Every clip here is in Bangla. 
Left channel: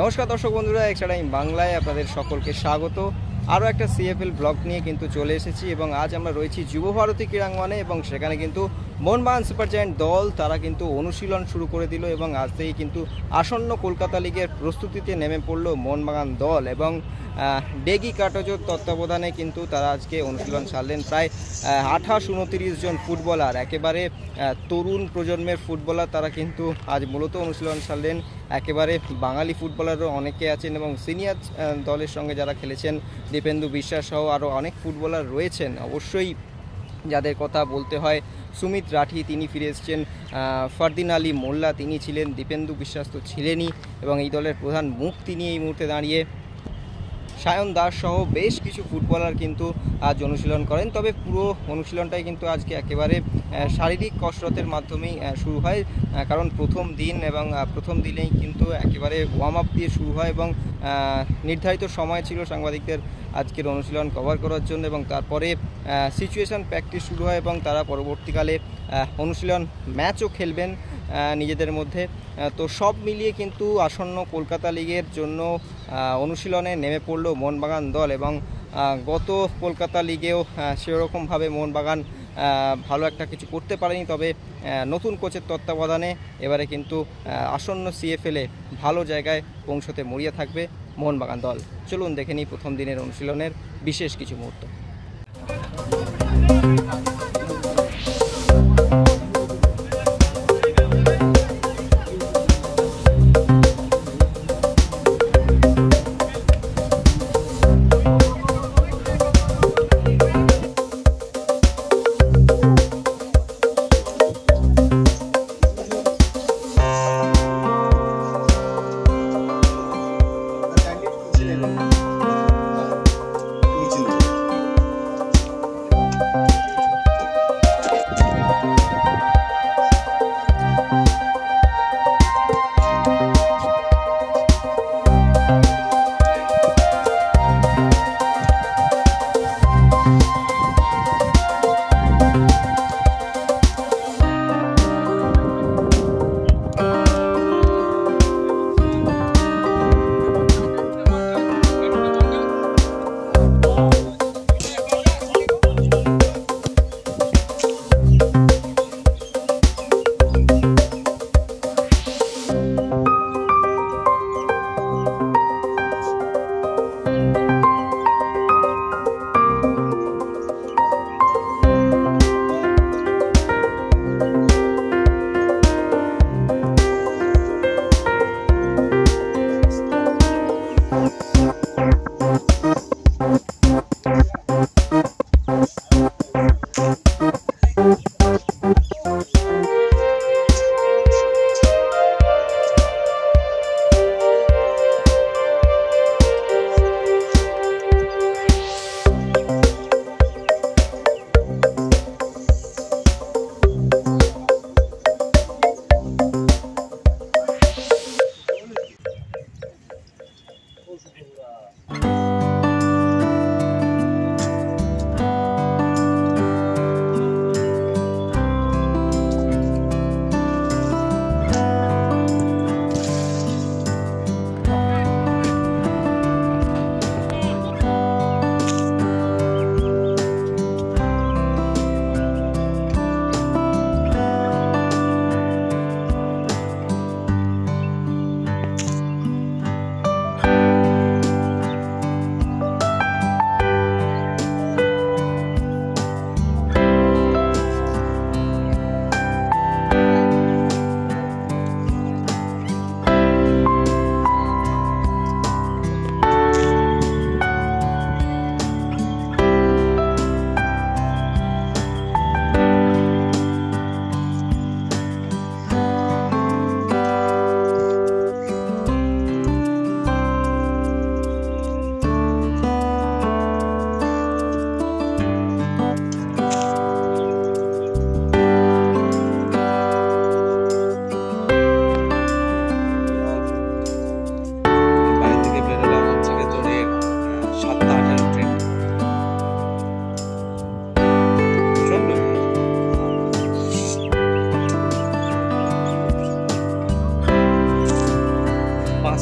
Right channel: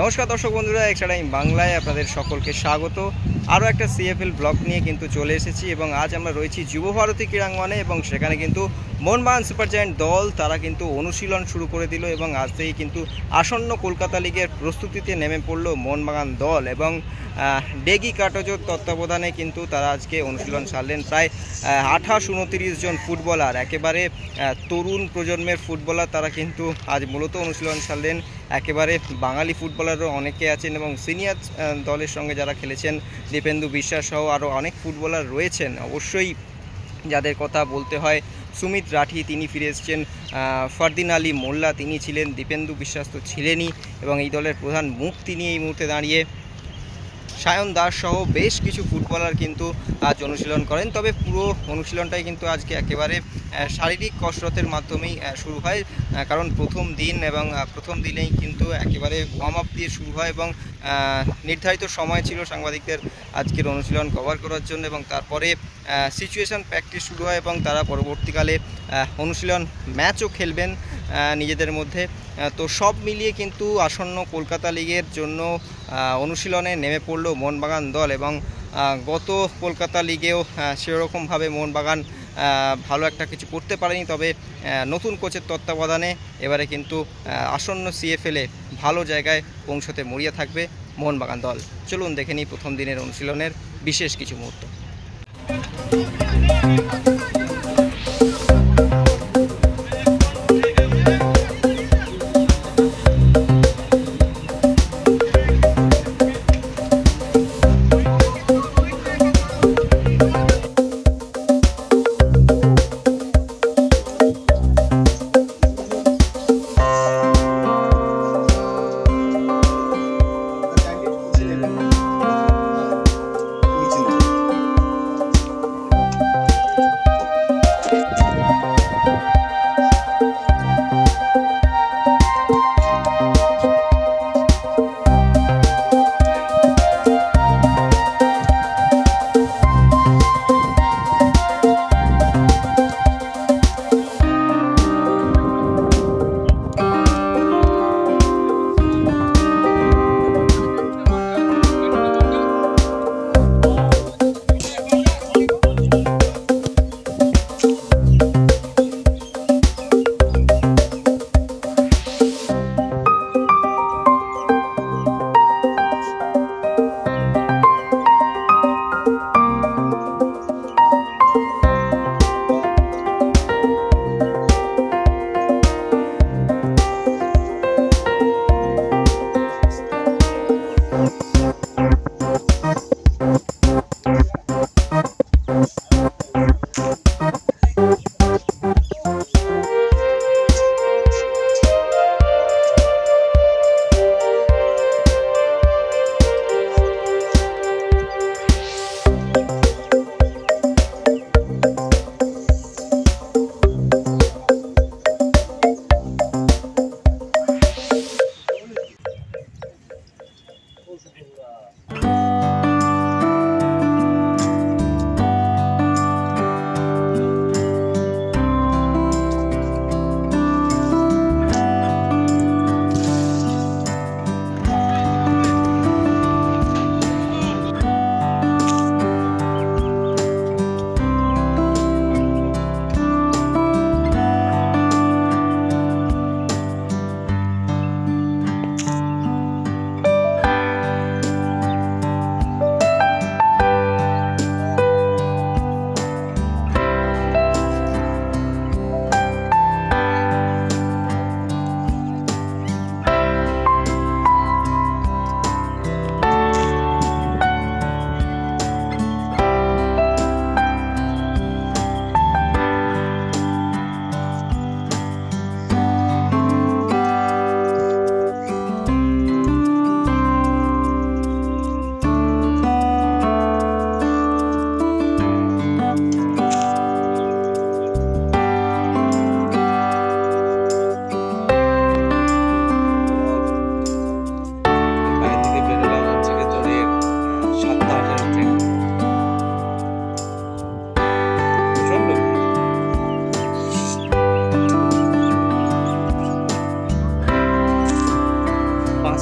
নমস্কার দর্শক বন্ধুরা, এক্সট্রা টাইম বাংলায় আপনাদের সকলকে স্বাগত। আরও একটা সিএফএল ব্লগ নিয়ে কিন্তু চলে এসেছি এবং আজ আমরা রয়েছি যুবভারতী ক্রীড়াঙ্গনে এবং সেখানে কিন্তু মোহনবাগান সুপার জায়ান্ট দল তারা কিন্তু অনুশীলন শুরু করে দিল এবং আজ থেকেই কিন্তু আসন্ন কলকাতা লিগের প্রস্তুতিতে নেমে পড়লো মোহনবাগান দল এবং ডেগি কাটোজোর তত্ত্বাবধানে কিন্তু তারা আজকে অনুশীলন ছাড়লেন। প্রায় 28-29 জন ফুটবলার, একেবারে তরুণ প্রজন্মের ফুটবলার তারা কিন্তু আজ মূলত অনুশীলন ছাড়লেন। একেবারে বাঙালি ফুটবলারও অনেকে আছেন এবং সিনিয়র দলের সঙ্গে যারা খেলেছেন দীপেন্দু বিশ্বাস সহ আরও অনেক ফুটবলার রয়েছেন। অবশ্যই যাদের কথা বলতে হয়, সুমিত রাঠি তিনি ফিরে এসছেন, ফারদিন আলী মোল্লা তিনি ছিলেন, দীপেন্দু বিশ্বাস তো ছিলেনই এবং এই দলের প্রধান মুখ তিনি এই মুহূর্তে দাঁড়িয়ে। সায়ন দাস সহ বেশ কিছু ফুটবলার কিন্তু আজ অনুশীলন করেন। তবে পুরো অনুশীলনটাই কিন্তু আজকে একেবারে শারীরিক কসরতের মাধ্যমেই শুরু হয়, কারণ প্রথম দিন এবং প্রথম দিনেই কিন্তু একেবারে ওয়ার্ম আপ দিয়ে শুরু হয় এবং নির্ধারিত সময় ছিল সাংবাদিকদের আজকের অনুশীলন কভার করার জন্য এবং তারপরে সিচুয়েশান প্র্যাকটিস শুরু হয় এবং তারা পরবর্তীকালে অনুশীলন ম্যাচও খেলবেন নিজেদের মধ্যে। তো সব মিলিয়ে কিন্তু আসন্ন কলকাতা লিগের জন্য অনুশীলনে নেমে পড়লো মোহনবাগান দল এবং গত কলকাতা লিগেও সেরকমভাবে মোহনবাগান ভালো একটা কিছু করতে পারেনি। তবে নতুন কোচের তত্ত্বাবধানে এবারে কিন্তু আসন্ন সিএফএলে ভালো জায়গায় পৌঁছতে মরিয়া থাকবে মোহনবাগান দল। চলুন দেখে নিই প্রথম দিনের অনুশীলনের বিশেষ কিছু মুহূর্ত।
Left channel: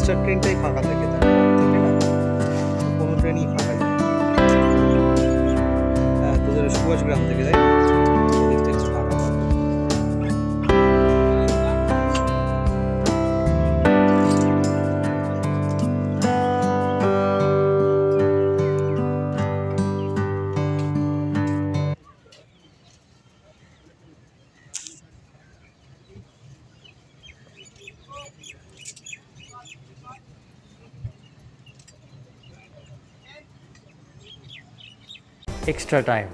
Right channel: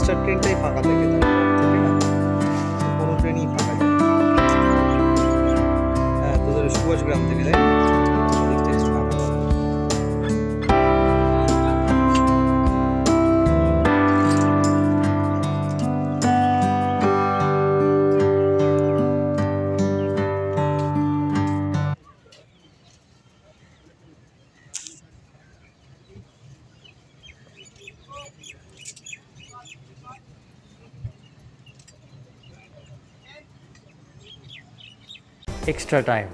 এক্সট্রা ট্রেনটাই ফাঁকা থাকে তার থেকে না, কোনো ট্রেনই ফাঁকা যায়। হ্যাঁ, তোদের সুভাষগ্রাম থেকে তাই না, ওদিক থেকে ফাঁকা থাকে। extra time.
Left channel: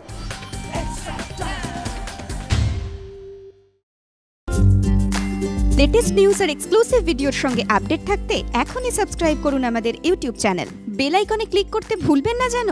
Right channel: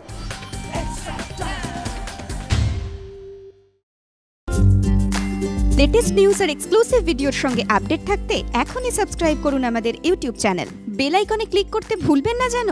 লেটেস্ট নিউজ আর এক্সক্লুসিভ ভিডিওর সঙ্গে আপডেট থাকতে এখনই সাবস্ক্রাইব করুন আমাদের ইউটিউব চ্যানেল। বেল আইকনে ক্লিক করতে ভুলবেন না যেন।